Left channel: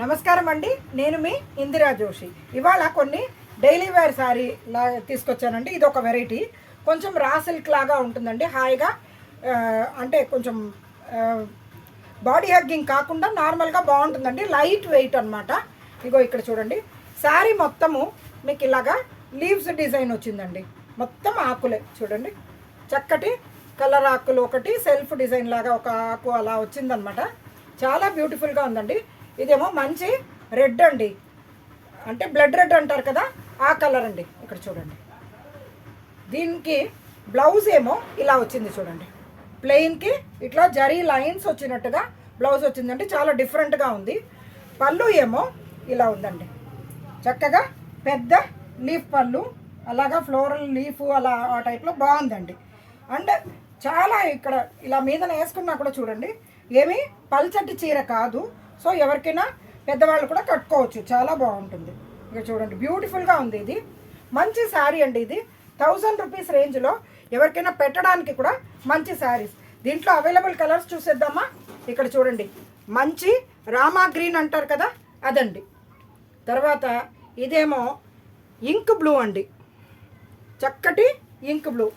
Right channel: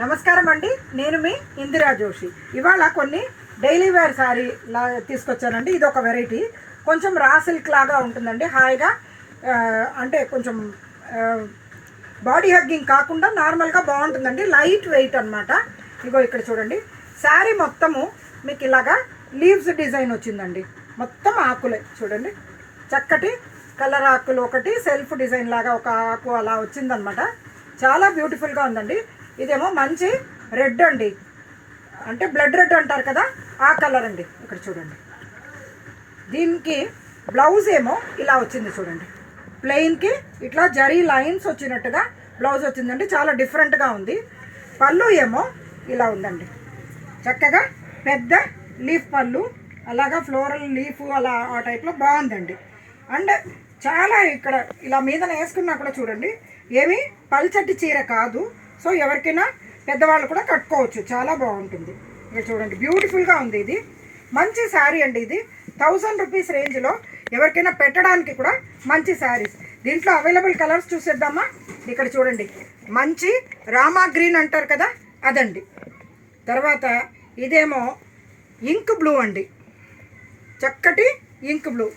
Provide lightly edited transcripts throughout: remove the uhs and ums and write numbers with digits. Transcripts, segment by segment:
నమస్కారం అండి, నేను మీ ఇందిరా జోషి. ఇవాళ కొన్ని డైలీ వేర్ శారీ తీసుకొచ్చానండి. ఇది ఒక వెరైటీ, కొంచెం రా సిల్క్ లాగా ఉంటుందండి. హాయిగా అంటే కొంచెం బాడీ హగ్గింగ్ కాకుండా నార్మల్గా బాగుంటుందండి. లైట్ వెయిట్ అనమాట. ఇగో ఇక్కడ చూడండి, శారీ మొత్తము మీకు ఇలాగా లీవ్స్ డిజైన్ వచ్చిందండి. మొత్తం ఆకులే చూడండి, చక్కటి కలర్ ఆకులు, ఒకటి సెల్ఫ్ డిజైన్ లాగా ఒక ఆకు అలా వచ్చిందనమాట. చాలా బ్యూటిఫుల్గా ఉందండి. ఇదేమో మంచి రెడ్ అండి, అంటే బ్లడ్ రెడ్ అంటారు కదా, ఆ కలర్ అండి. ఇక్కడ చూడండి, దీనికి బ్లౌజ్ ఏమో ఇలా వచ్చింది చూడండి. ప్లెయిన్కి ఇట్లా జరీ లైన్స్ వచ్చినట్టుగా బ్లౌజ్ వచ్చిందండి. చాలా డిఫరెంట్గా ఉంది. పళ్ళు ఏమో ఇలా ఉందండి, చక్కగా పెద్ద లీఫ్ పళ్ళు, అలాగా ఫ్లోరల్ లీఫ్ అలా ఆ టైప్లో బాగుందండి. అండ్ చాలా ఇక్కడ ఇలా మీద వేసుకున్నా కూడా చూడండి, ఏమీ పల్చటి చీర కాదు. సో ఎవరికైనా పెద్దవాళ్ళు కూడా కట్టుకోవచ్చు, చాలా బాగుంటుంది. ఇక్కడ చూడండి, బ్యూటిఫుల్గా ఉంది. ఇది మంచి శారీ అండి. ఇది 1000 రూపీస్ రేంజ్లో ఎవరికైనా పెట్టడానికి కూడా మంచి శారీస్. దీంట్లో అవైలబుల్ కలర్స్ చూసేద్దామా? ఇక్కడ చూడండి, మంచి రామా గ్రీన్ అంటారు కదా, అదండి. తర్వాత ఇదేమో ఇంక్ బ్లూ అండి, చక్కటి ఇంక్ బ్లూ.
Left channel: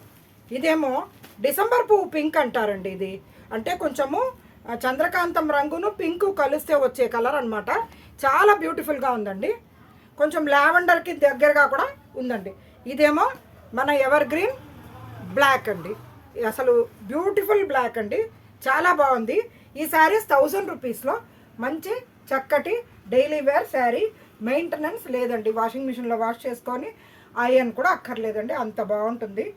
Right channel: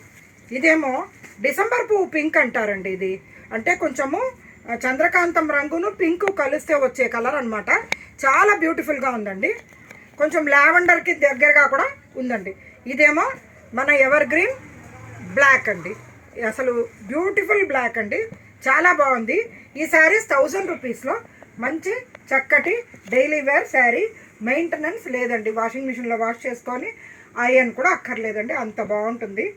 ఇదేమో డిసెంబర్ పువ్వు పింక్ అంటారండి. ఇది అంటే కొంచెము చంద్రకాంతం రంగును పింక్ కలిస్తే వచ్చే కలర్ అనమాట. చాలా బ్యూటిఫుల్గా ఉందండి. కొంచెం లావెండర్కి దగ్గరగా కూడా ఉందండి. ఇదేమో మన ఎవర్ గ్రీన్ బ్లాక్ అండి, అసలు బ్యూటిఫుల్ బ్లాక్ అండి, చాలా బాగుంది. ఈ శారీస్ 1000 రూపీస్లో మంచి చక్కటి డైలీ వేర్ శారీ. మెయింటెనెన్స్ లేదండి, వాషింగ్ మిషన్లో వాష్ చేసుకొని ఐరన్ కూడా అక్కర్లేదండి, అంత బాగుంటుంది.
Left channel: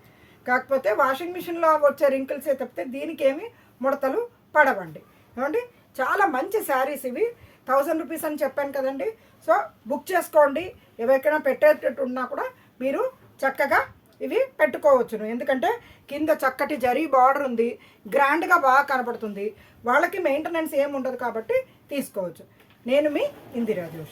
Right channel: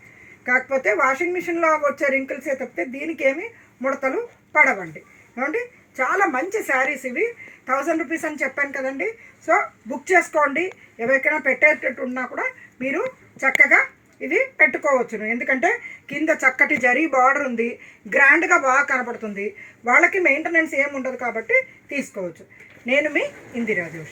కాకపోతే వాషింగ్ మిషన్లో వచ్చే రింకిల్సే తప్పితే దీనికి ఏమి ముడతలు పడవండి. ఏమండి, చాలా మంచి శారీస్ ఇవి. 1000 రూపీస్ అని చెప్పాను కదండి. సో బుక్ చేసుకోండి. ఎవరికైనా పెట్టేటట్టు ఉన్నా కూడా మీరు చక్కగా ఇవి పెట్టుకోవచ్చును. ఎందుకంటే కింద చక్కటి జరీ బార్డర్ ఉంది, గ్రాండ్గా బాగా కనపడుతుంది. వాళ్ళకి మెయింటెనెన్స్ ఏమి ఉండదు కాబట్టి తీసుకోవచ్చు. నేను మీ ఇందిరా జోషి.